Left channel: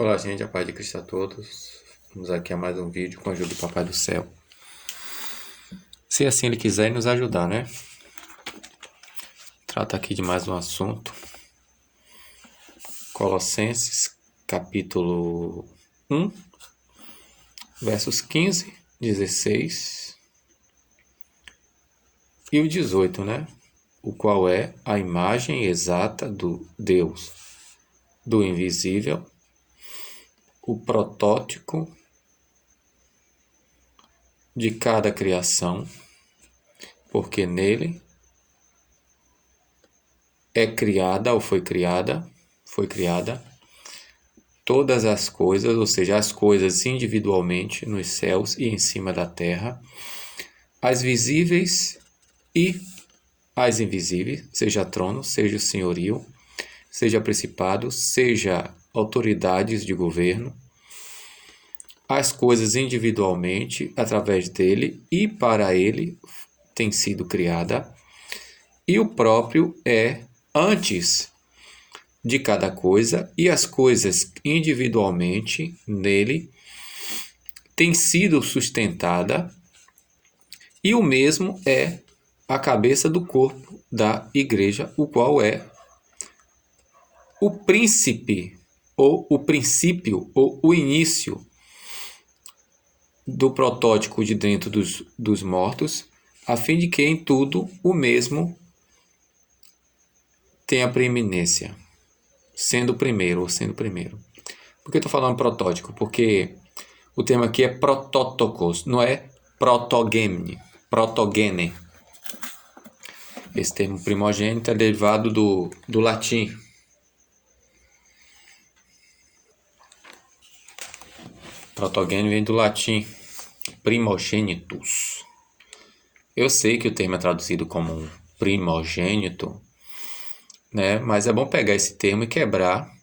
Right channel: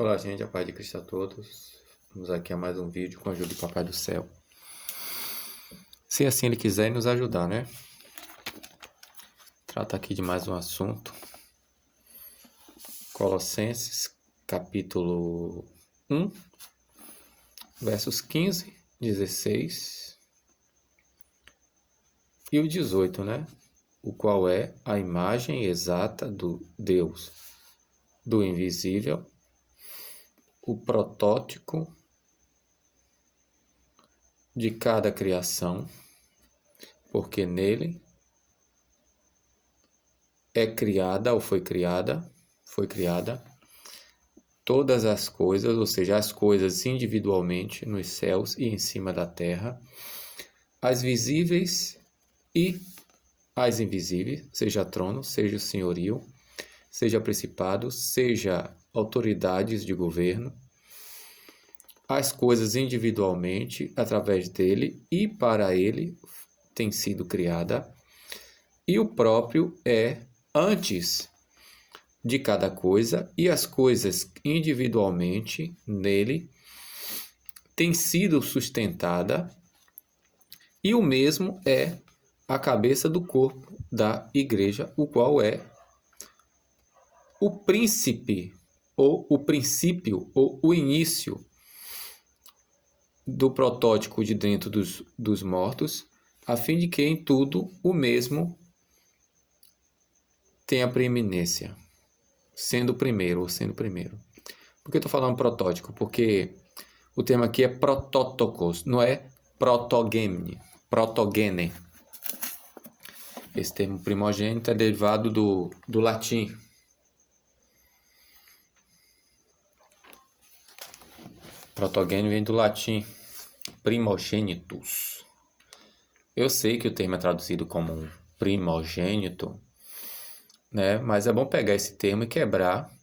Olá, gente, a paz de Cristo a todos. Vamos aqui a mais um vídeo com a ajuda do Papai do Céu. Se assim Ele quiser nos ajudar, né? Trata aqui de mais um assunto. Colossenses, capítulo 1, versos 15, 16 e o 18, né? O qual é a imagem exata do Deus, do invisível, o protótipo de cada criação, porque nele é criada ou foi criada todas as coisas, ou seja, as coisas individualmente nos céus e em cima da terra, as visíveis e as invisíveis, seja trono, seja senhorio, seja principado, seja autoridades de governo, as coisas individualmente, através dele e para ele tem sido criada, e o próprio é antes de cada coisa, e as coisas individualmente nele têm sido sustentada, e o mesmo é a cabeça do corpo da igreja, o qual é o príncipe, ou o princípio, ou o início do protótipo de dentro dos mortos, a fim de que em tudo o mesmo tenha preeminência, sendo o primeiro ou sendo o primeiro. Por que eu estou falando protótipo? Porque o termo aqui é protótokos, não é protogene. Esse termo primogênito é derivado do latim. Protogene vem do latim primogênitus. Eu sei que o termo é traduzido como primogênito, né? Mas é bom pegar esse termo e quebrar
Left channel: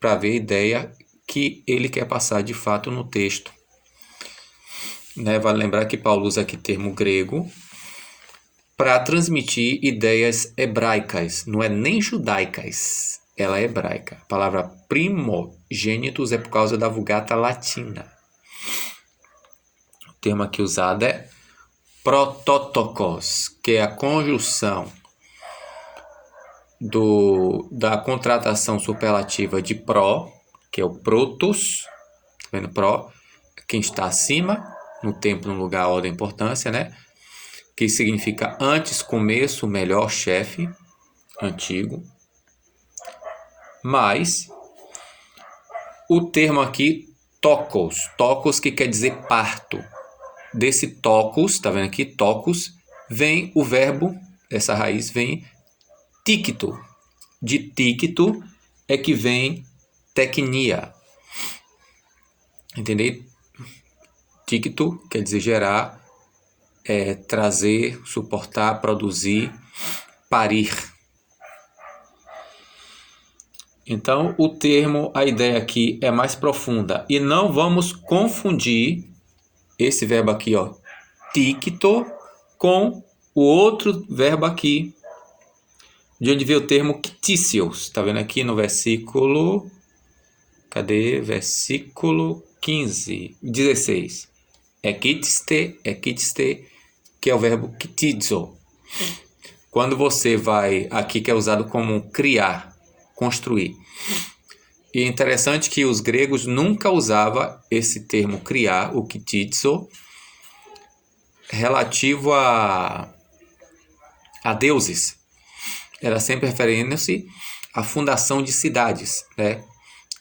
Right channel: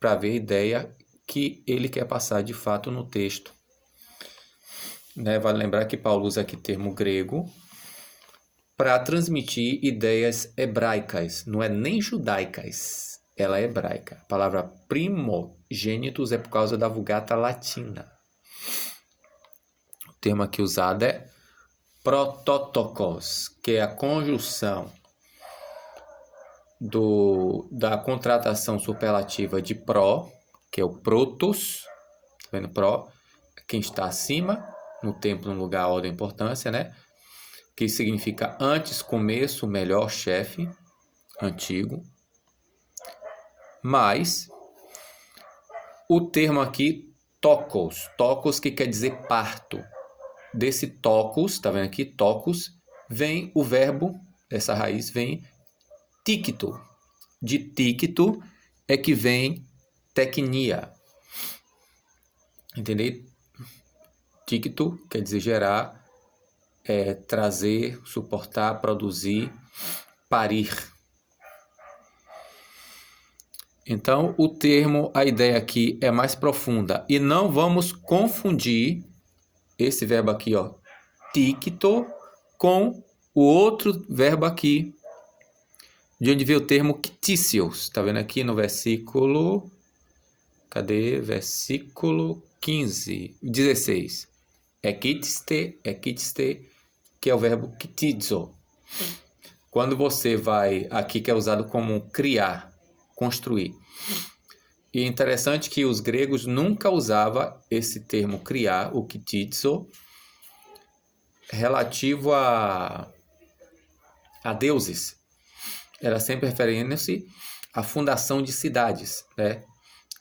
para ver a ideia que ele quer passar de fato no texto. Né? Vale lembrar que Paulo usa aqui termo grego para transmitir ideias hebraicas, não é nem judaicas, ela é hebraica. A palavra primogênitos é por causa da Vulgata Latina. O termo aqui usado é protótokos, que é a conjunção da contratação superlativa de pró, que é o protos, tá vendo? Pró, quem está acima, no tempo, no lugar, ordem, importância, né? Que significa antes, começo, melhor, chefe, antigo. Mas o termo aqui, tokos que quer dizer parto. Desse tokos, tá vendo aqui, tokos, vem o verbo, essa raiz vem tíquito. De tíquito é que vem tecnia. Entendeu? Tíquito quer dizer gerar, trazer, suportar, produzir, parir. Então, o termo, a ideia aqui é mais profunda. E não vamos confundir esse verbo aqui, ó, tíquito, com o outro verbo aqui, de onde veio o termo quitícios. Tá vendo aqui no versículo... Cadê? Versículo 16. Ekitiste, que é o verbo kitizo. Quando você vai aqui, que é usado como criar, construir. E é interessante que os gregos nunca usavam esse termo criar, o kitizo, relativo a deuses. Era sempre referindo-se à fundação de cidades, né?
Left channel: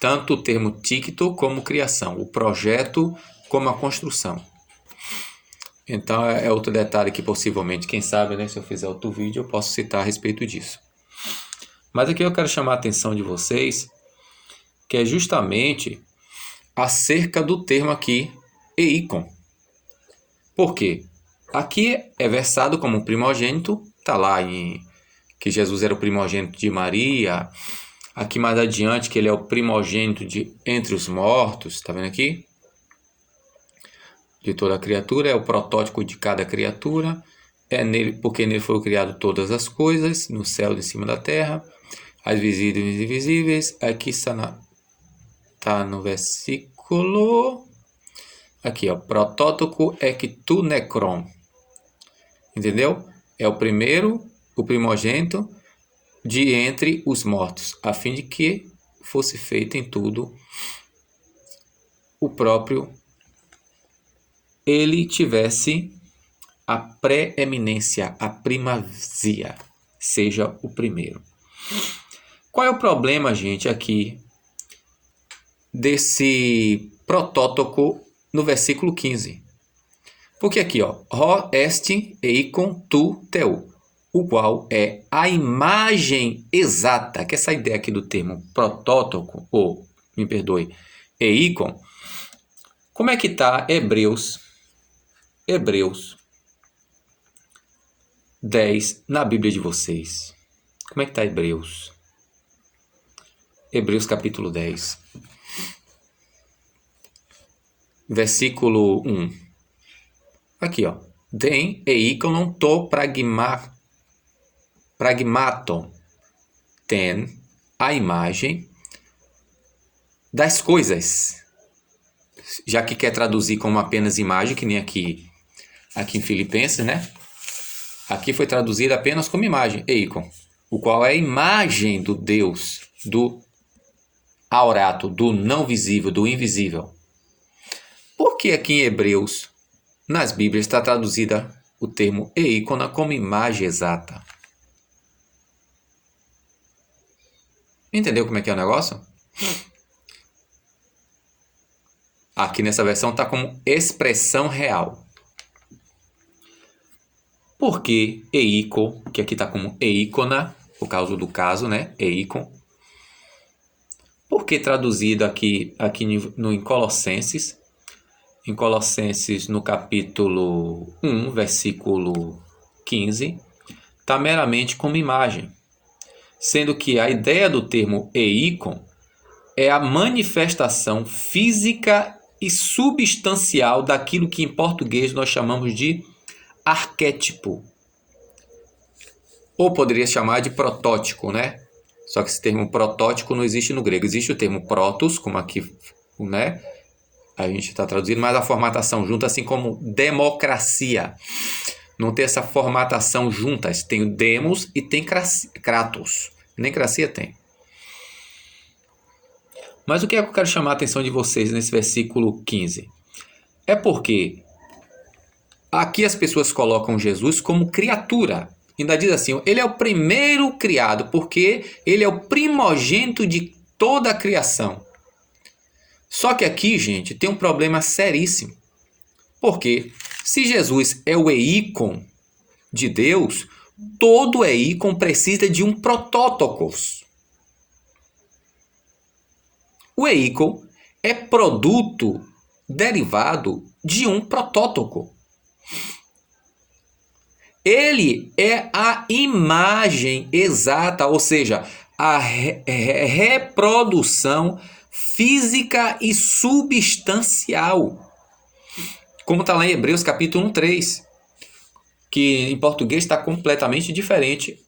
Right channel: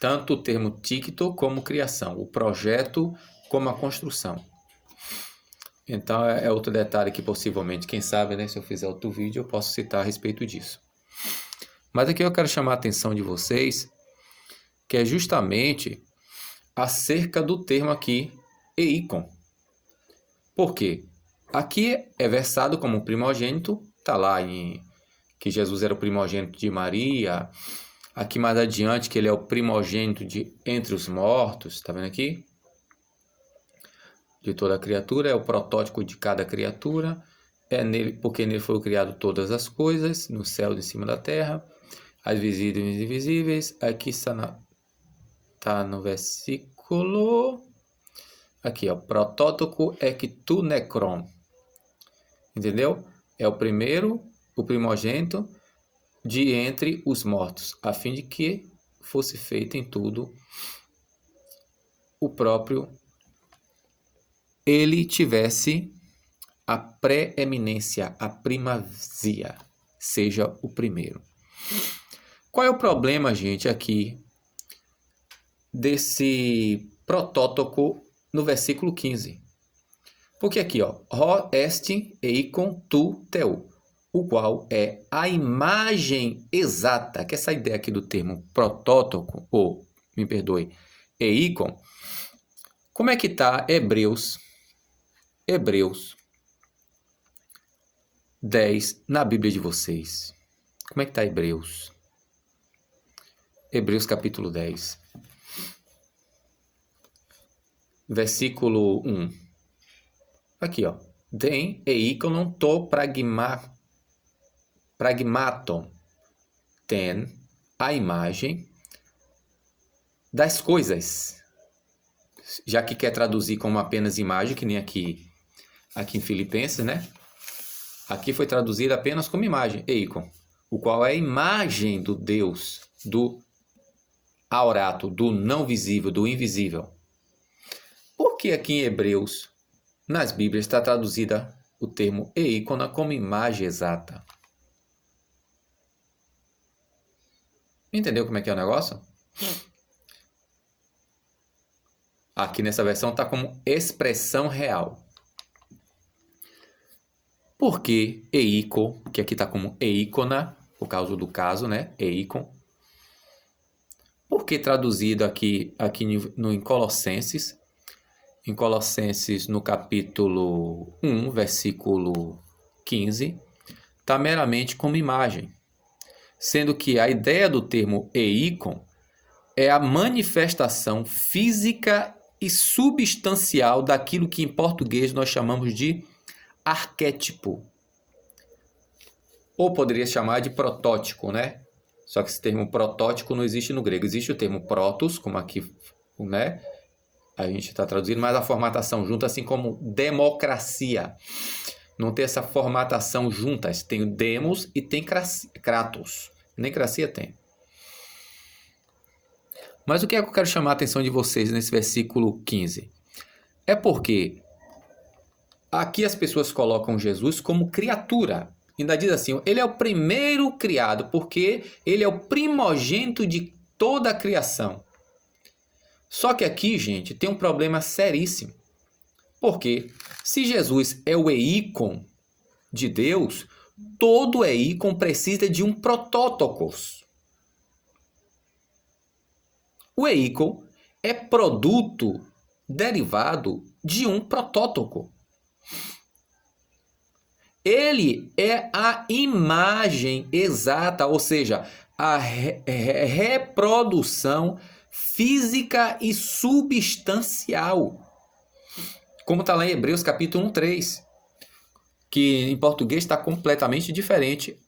Tanto o termo tíquito como criação, o projeto como a construção. Então é outro detalhe que possivelmente, quem sabe, né, se eu fizer outro vídeo, eu posso citar a respeito disso. Mas aqui eu quero chamar a atenção de vocês, que é justamente acerca do termo aqui, eikon. Por quê? Aqui é versado como primogênito, está lá em que Jesus era o primogênito de Maria. Aqui mais adiante que ele é o primogênito de entre os mortos, está vendo aqui? De toda a criatura, é o protótipo de cada criatura, é nele, porque nele foram criadas todas as coisas, no céu e em cima da terra, as visíveis e invisíveis, aqui está Tá no versículo... Aqui, ó. Protótoco ectu necron. Entendeu? É o primeiro, o primogênito de entre os mortos, a fim de que fosse feito em tudo o próprio ele tivesse a preeminência, a primazia, seja o primeiro. Qual é o problema, gente, aqui desse protótoco no versículo 15? Porque aqui, ó, Rho est eikon tu teu, o qual é a imagem exata, que essa ideia aqui do termo protótoco, ou, me perdoe, eikon, como é que está Hebreus 10 na Bíblia de vocês? Como é que está Hebreus? Hebreus capítulo 10, versículo 1. Aqui, ó. Den eikonon to pragmaton. Ten a imagem das coisas. Já que quer traduzir como apenas imagem, que nem aqui em Filipenses, né? Aqui foi traduzido apenas como imagem, eikon, o qual é a imagem do Deus, do aurato, do não visível, do invisível. Por que aqui em Hebreus, nas Bíblias, está traduzida o termo eikona como imagem exata? Entendeu como é que é o negócio? Aqui nessa versão está como expressão real. Por que eiko, que aqui está como eikona, por causa do caso, né? Eikon. Por que traduzido aqui em Colossenses? Em Colossenses, no capítulo 1, versículo 15, está meramente como imagem. Sendo que a ideia do termo eikon é a manifestação física e substancial daquilo que em português nós chamamos de arquétipo. Ou poderia chamar de protótipo, né? Só que esse termo protótipo não existe no grego. Existe o termo protos, como aqui, né? A gente está traduzindo, mas a formatação junta, assim como democracia. Não tem essa formatação juntas. Tem o demos e tem kratos. Nem cracia tem. Mas o que é que eu quero chamar a atenção de vocês nesse versículo 15? É porque aqui as pessoas colocam Jesus como criatura. Ainda diz assim, ele é o primeiro criado, porque ele é o primogênito de toda a criação. Só que aqui, gente, tem um problema seríssimo. Porque se Jesus é o eikon de Deus, todo eikon precisa de um protótokos. O eikon é produto derivado de um protótoco. Ele é a imagem exata, ou seja, a reprodução física e substancial. Como está lá em Hebreus capítulo 3, que em português está completamente diferente.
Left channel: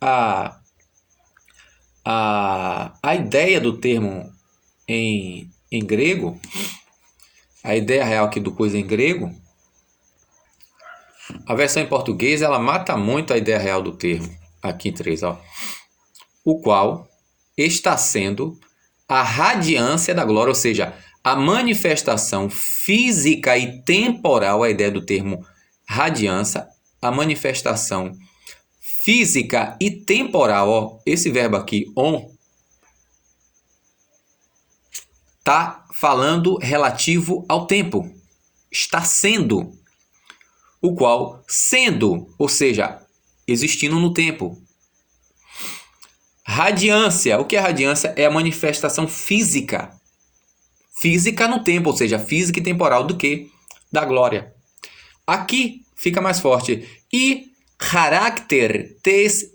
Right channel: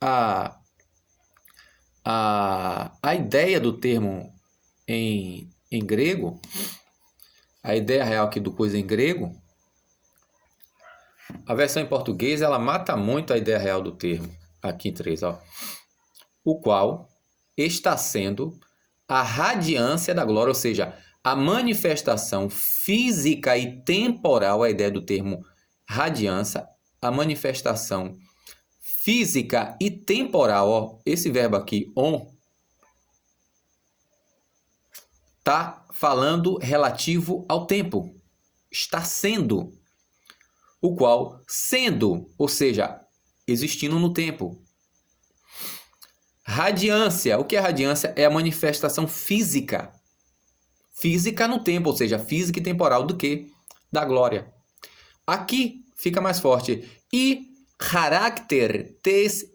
A ideia do termo em grego, a ideia real aqui do coisa em grego, a versão em português, ela mata muito a ideia real do termo, aqui em 3, ó. O qual está sendo a radiância da glória, ou seja, a manifestação física e temporal, a ideia do termo radiância, a manifestação física e temporal, ó, esse verbo aqui, on, está falando relativo ao tempo, está sendo, o qual sendo, ou seja, existindo no tempo. Radiância, o que é radiância? É a manifestação física. Física no tempo, ou seja, física e temporal do que? Da glória. Aqui fica mais forte. E carácter tes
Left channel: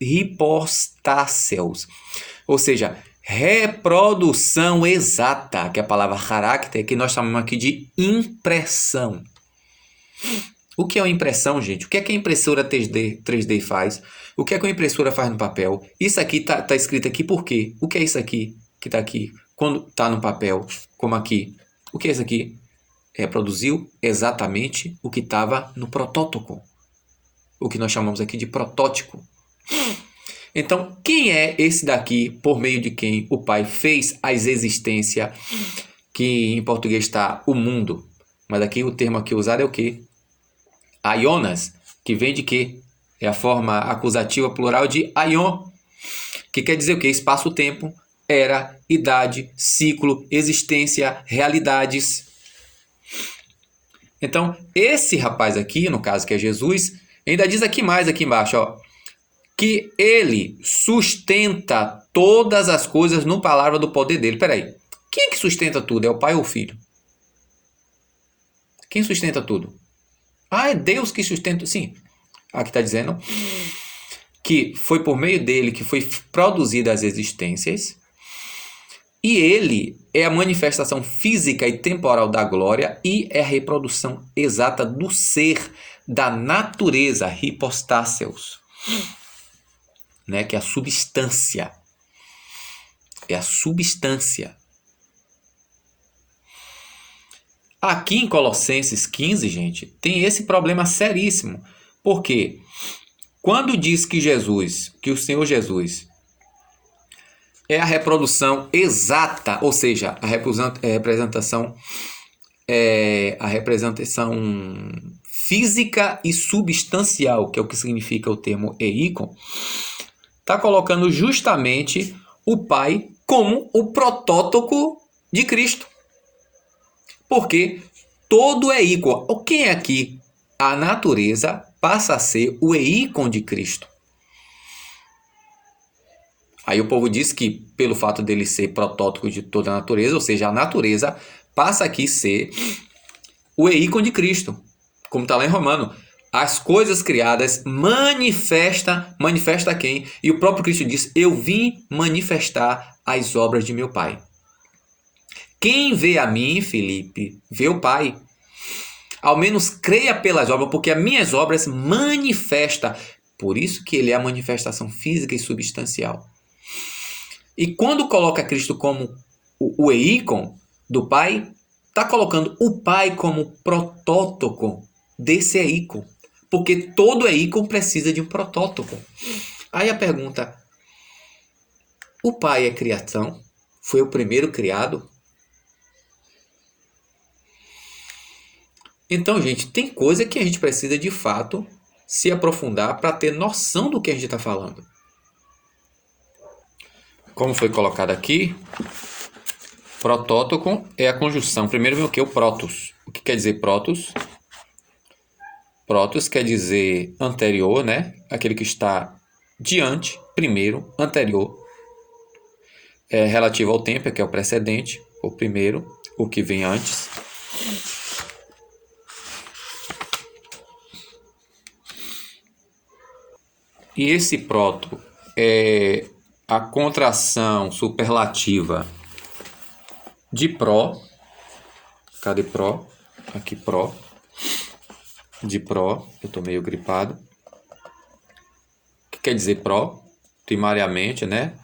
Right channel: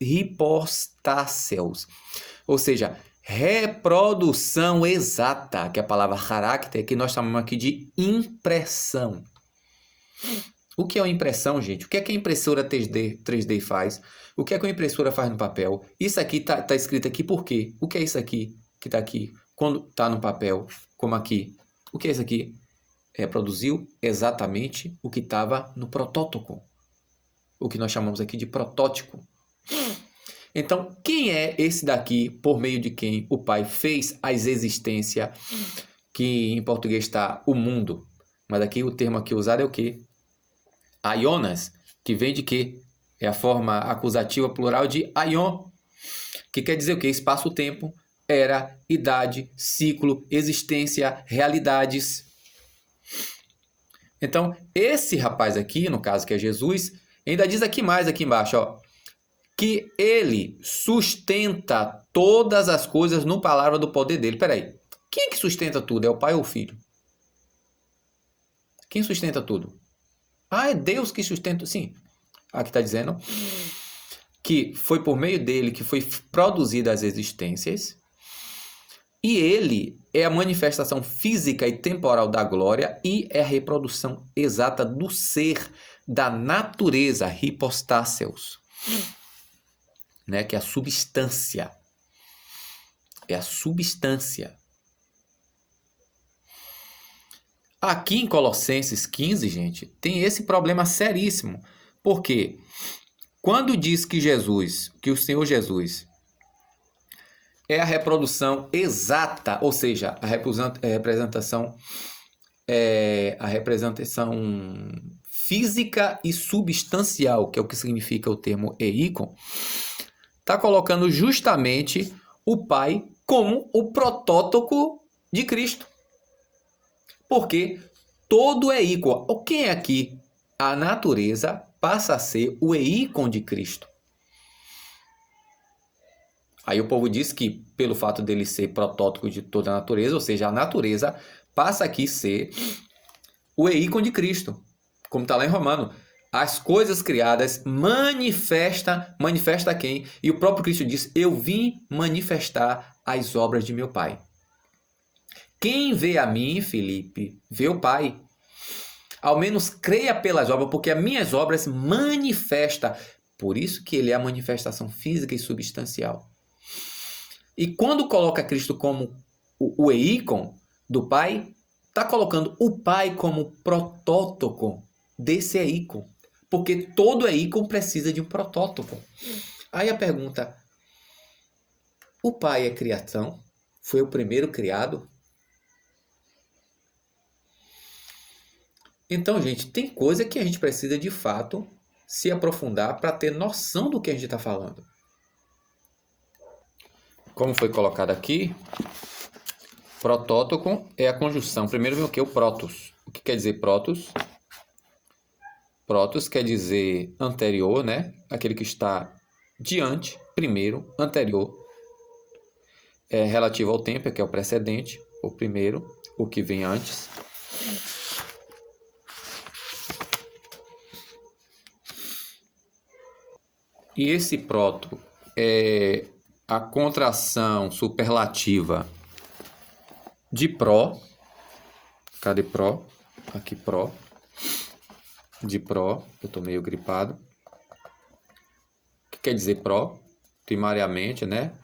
hypostáseos, ou seja, reprodução exata, que é a palavra carácter, que nós chamamos aqui de impressão. O que é uma impressão, gente? O que é que a impressora 3D faz? O que é que a impressora faz no papel? Isso aqui está escrito aqui por quê? O que é isso aqui? que está aqui, quando está no papel, como aqui, o que é isso aqui? Reproduziu exatamente o que estava no protótipo, o que nós chamamos aqui de protótipo. Então, quem é esse daqui, por meio de quem o Pai fez as existências, que em português está o mundo, mas aqui o termo aqui usado é o quê? Aionas, que vem de quê? É a forma acusativa plural de aion, que quer dizer o quê? Espaço-tempo, era, idade, ciclo, existência, realidades. Então, esse rapaz aqui, no caso que é Jesus, ainda diz aqui mais, aqui embaixo, ó, que ele sustenta todas as coisas no palavra do poder dele. Peraí, quem é que sustenta tudo? É o pai ou o filho? Quem sustenta tudo? Ah, é Deus que sustenta. Sim, aqui está dizendo que foi por meio dele que foi produzida as existências, e ele é a manifestação física e temporal da glória e é a reprodução exata do ser, da natureza, hipostáseos, né? Que é a substância. É a substância. Aqui em Colossenses 15, gente, tem esse problema seríssimo. Por quê? Quando diz que o Senhor Jesus é a reprodução exata, ou seja, a representação física e substancial, que é o que significa o termo eikon, está colocando justamente o Pai como o protótipo de Cristo. Porque todo é ícon. O que é aqui? A natureza passa a ser o ícon de Cristo. Aí o povo diz que, pelo fato dele ser protótipo de toda a natureza, ou seja, a natureza passa aqui a ser o ícon de Cristo. Como está lá em Romano. As coisas criadas manifesta quem? E o próprio Cristo diz, eu vim manifestar as obras de meu Pai. Quem vê a mim, Felipe, vê o Pai. Ao menos creia pelas obras, porque as minhas obras manifestam. Por isso que ele é a manifestação física e substancial. E quando coloca Cristo como o ícon do Pai, está colocando o Pai como protótipo desse ícon. Porque todo ícon precisa de um protótipo. Aí a pergunta, o Pai é criação? Foi o primeiro criado? Então, gente, tem coisa que a gente precisa de fato se aprofundar para ter noção do que a gente está falando. Como foi colocado aqui, protótipo é a conjunção. Primeiro vem o que? O protos. O que quer dizer protos? Protos quer dizer anterior, né? Aquele que está diante, primeiro, anterior. É relativo ao tempo, que é o precedente, o primeiro, o que vem antes. E esse proto é a contração superlativa de pró. Cadê pró? Aqui pró. De pró. Eu estou meio gripado. O que quer dizer pró? Primariamente, né?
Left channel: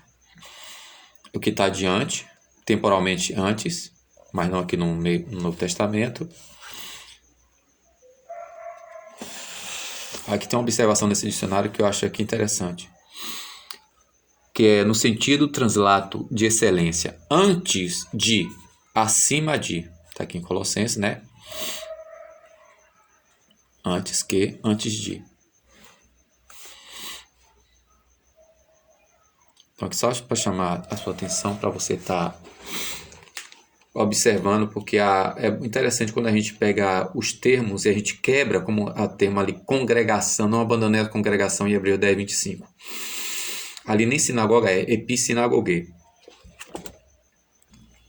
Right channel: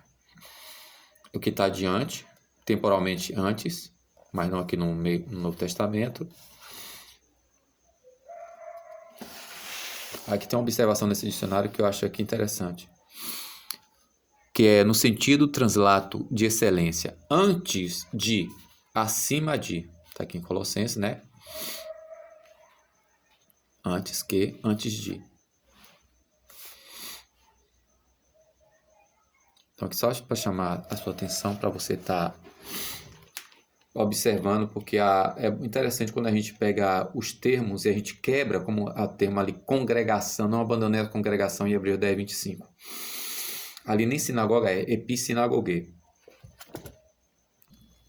O que está adiante, temporalmente antes, mas não aqui no Novo Testamento. Aqui tem uma observação nesse dicionário que eu acho aqui interessante, que é no sentido translato de excelência, antes de, acima de, está aqui em Colossenses, né? Antes que, antes de. Então aqui só para chamar a sua atenção, para você estar observando, porque é interessante quando a gente pega os termos e a gente quebra, como a termo ali, congregação, não abandonei a congregação em Hebreus 10, 25. Ali nem sinagoga é epissinagogue.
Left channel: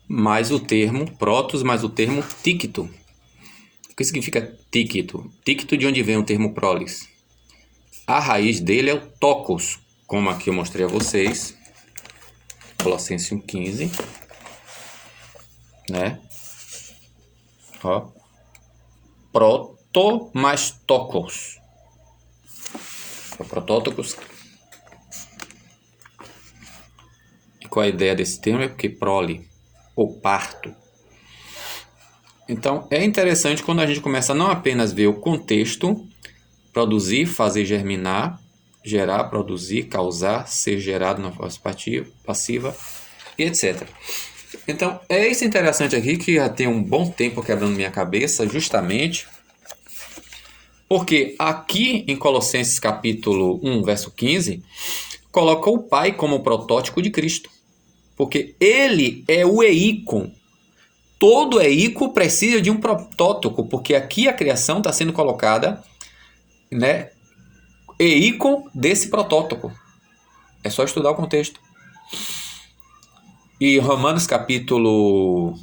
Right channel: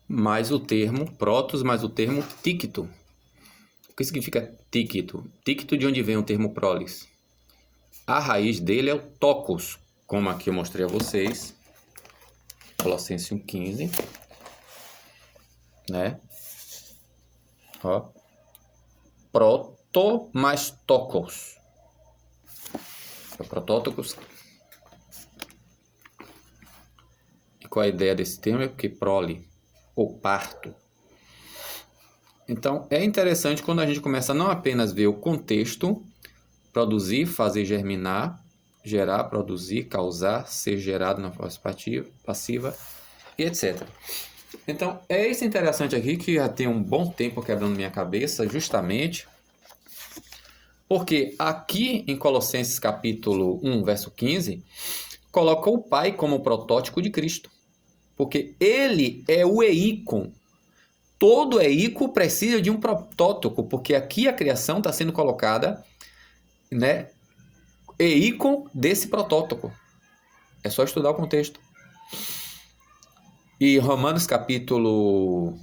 Mais o termo protos, mais o termo tíquito. O que significa tíquito? Tíquito de onde vem o termo prolis? A raiz dele é o tocos, como aqui eu mostrei a vocês. Colossenses 1,15. Né? Ó. Proto mais tocos. Protótocos. qual é a ideia desse termo? É porque prole, ou parto. Então, é interessante quando a gente começa a não apenas ver o contexto, produzir, fazer germinar, gerar, produzir, causar, ser gerado na força passiva e etc. Então, é isso interessante aqui que já tem um bom tempo quebrando minha cabeça, justamente porque aqui em Colossenses capítulo 1, verso 15, coloca o Pai como protótipo de Cristo. Porque ele é o eícon. Todo eícon precisa de um protótipo, porque aqui a criação está sendo colocada, né, eícon desse protótipo. É só estudar o contexto. E Romanos capítulo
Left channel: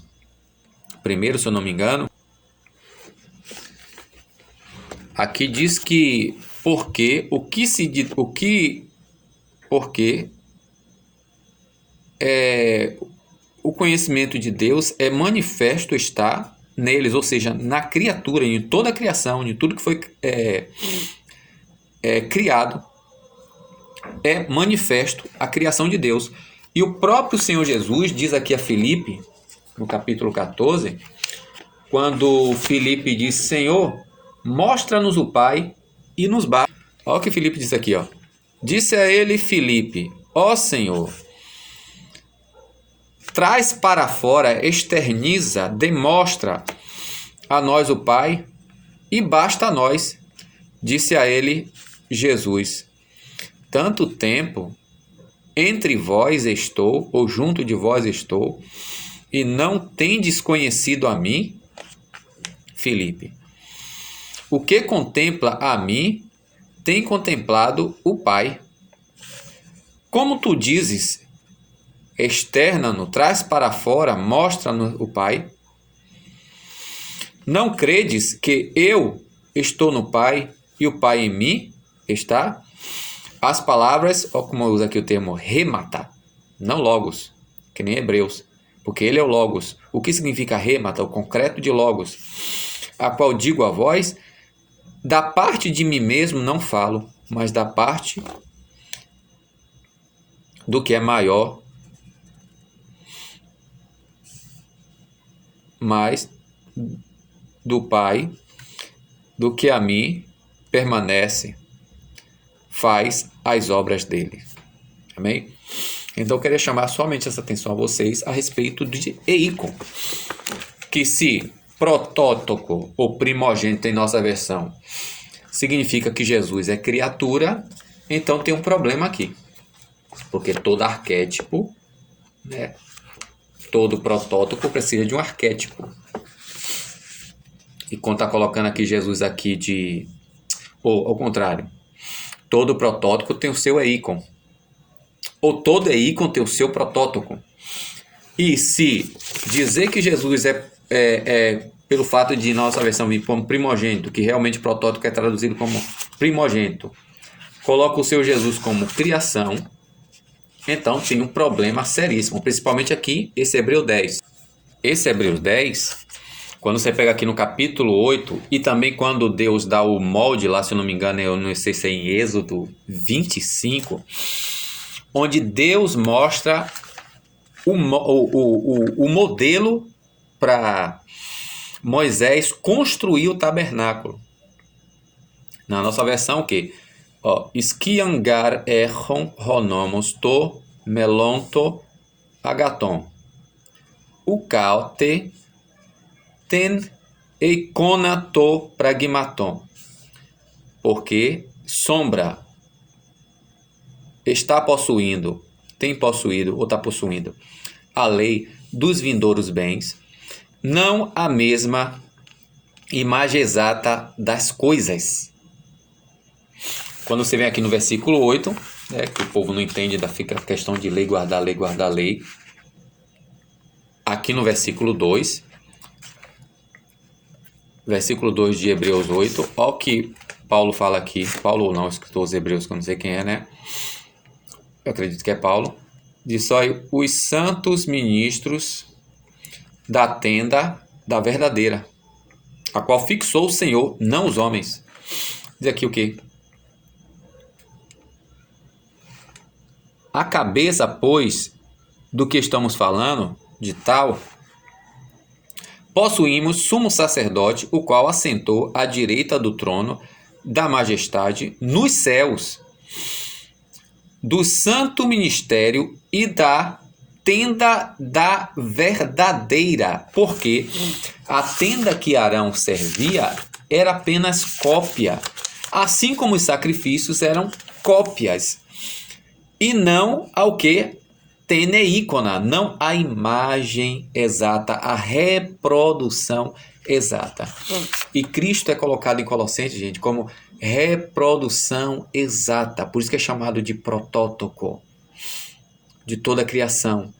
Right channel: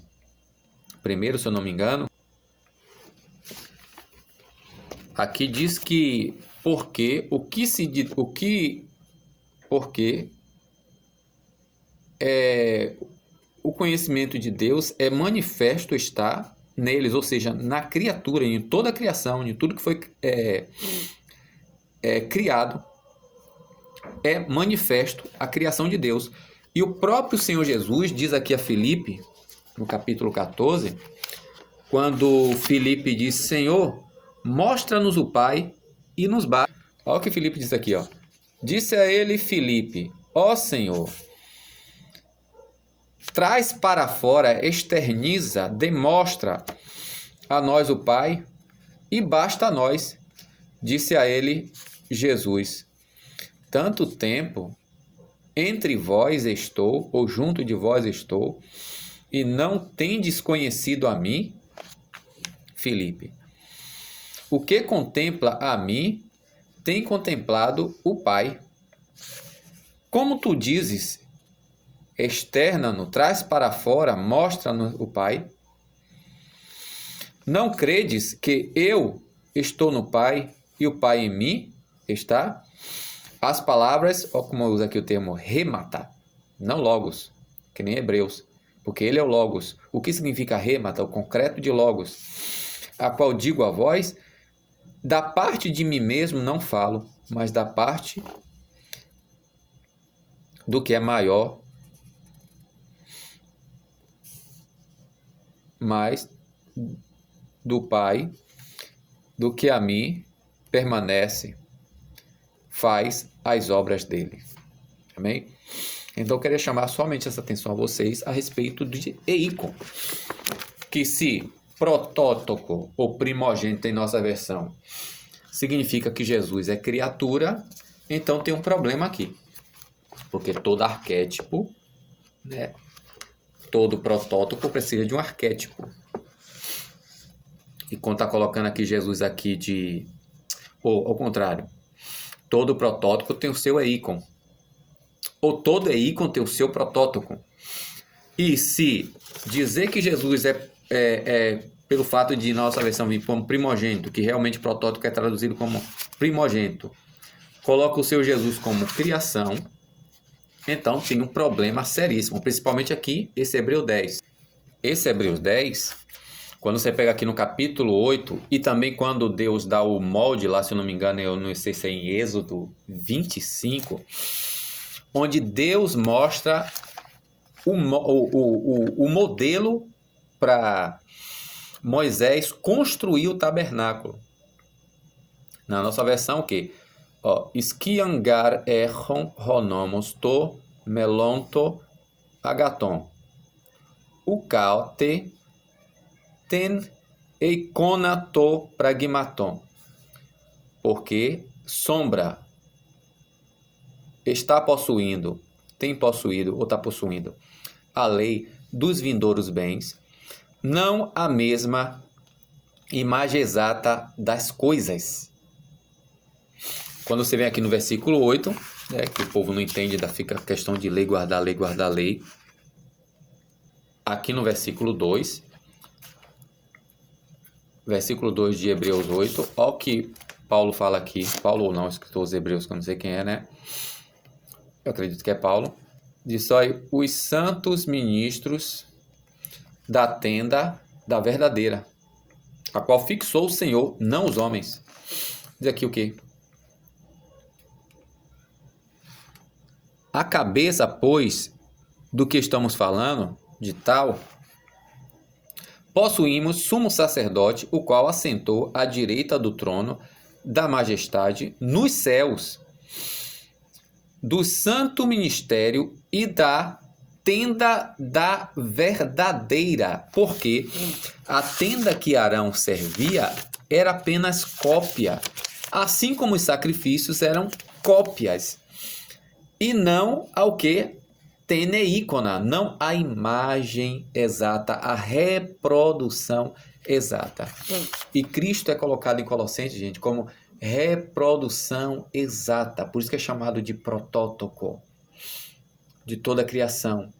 1, se eu não me engano, aqui diz que porque o conhecimento de Deus é manifesto está neles, ou seja, na criatura, em toda a criação, em tudo que foi criado, é manifesto a criação de Deus. E o próprio Senhor Jesus diz aqui a Filipe, no capítulo 14, quando Filipe diz: Senhor, mostra-nos o Pai e nos basta. Olha o que Filipe diz aqui, ó. Disse a ele Filipe: ó Senhor, traz para fora, externiza, demonstra a nós o Pai e basta a nós. Disse a ele Jesus: tanto tempo entre vós estou, ou junto de vós estou, e não tendes conhecido a mim, Filipe. O que contempla a mim, tem contemplado o Pai. Como tu dizes, externa-no, traz para fora, mostra-nos o Pai. Não credes que eu estou no Pai e o Pai em mim está? As palavras, olha como eu uso aqui o termo remata, não logos, que nem Hebreus, porque ele é o logos. O que significa remata? O concreto de logos, a qual digo a vós, da parte de mim mesmo não falo, mas da parte do que é maior, mais do Pai, do que a mim permanece, faz as obras dele. Amém? Então eu queria chamar somente essa atenção a vocês a respeito de eícon, que se protótipo ou primogênito em nossa versão significa que Jesus é criatura, então tem um problema aqui. Porque todo arquétipo, né, todo protótipo precisa de um arquétipo. E quando está colocando aqui Jesus aqui de... Ou ao contrário, todo protótipo tem o seu eícon. Ou todo eícon tem o seu protótipo. E se dizer que Jesus é pelo fato de nossa versão vir como primogênito, que realmente protótipo é traduzido como primogênito, coloca o seu Jesus como criação, então tem um problema seríssimo, principalmente aqui, esse Hebreus 10. Esse Hebreus 10, quando você pega aqui no capítulo 8, e também quando Deus dá o molde lá, se eu não me engano, eu não sei se é em Êxodo 25, onde Deus mostra o modelo para Moisés construir o tabernáculo. Na nossa versão, o quê? Skiangar erron ronomos to melonto agaton. O caute ten eikonato pragmaton. Porque sombra está possuindo, tem possuído ou está possuindo a lei dos vindouros bens, não a mesma imagem exata das coisas. Quando você vem aqui no versículo 8, que o povo não entende, fica a questão de lei, guardar lei, guardar lei. Aqui no versículo 2, versículo 2 de Hebreus 8, olha o que Paulo fala aqui. Paulo ou não, escritor dos Hebreus, que eu não sei quem é, né? Eu acredito que é Paulo. Diz: os santos ministros da tenda da verdadeira, a qual fixou o Senhor, não os homens. Diz aqui o quê? A cabeça, pois, do que estamos falando, de tal, possuímos sumo sacerdote, o qual assentou à direita do trono da majestade nos céus, do santo ministério e da tenda da verdadeira, porque a tenda que Arão servia era apenas cópia, assim como os sacrifícios eram cópias, e não ao que? Teneícona, não a imagem exata, a reprodução exata. E Cristo é colocado em Colossenses, gente, como reprodução exata. Por isso que é chamado de protótipo de toda a criação.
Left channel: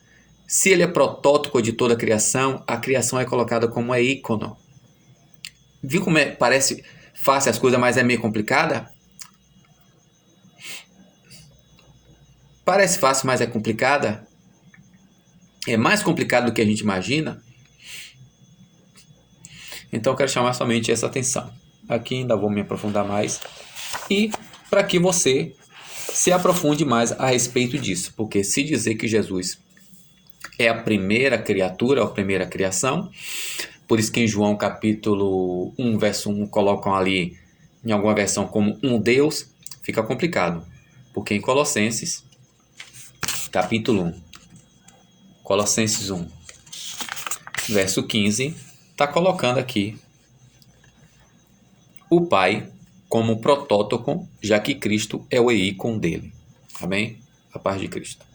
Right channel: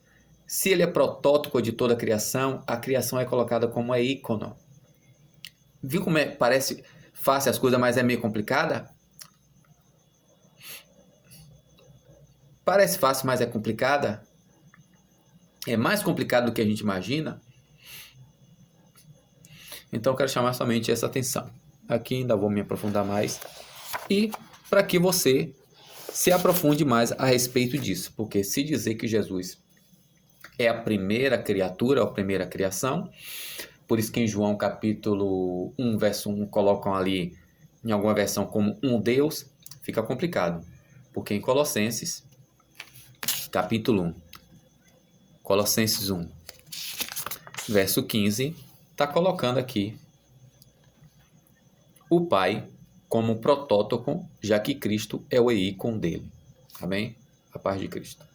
Se ele é protótipo de toda a criação é colocada como uma ícono. Viu como parece fácil as coisas, mas é meio complicada? Parece fácil, mas é complicada. É mais complicado do que a gente imagina. Então eu quero chamar somente essa atenção. Aqui ainda vou me aprofundar mais. E para que você se aprofunde mais a respeito disso. Porque se dizer que Jesus é a primeira criatura, a primeira criação, por isso que em João capítulo 1, verso 1, colocam ali em alguma versão como um Deus, fica complicado. Porque em Colossenses, capítulo 1, Colossenses 1, verso 15, está colocando aqui o Pai como protótipo, já que Cristo é o ícone dele. Amém? A paz de Cristo.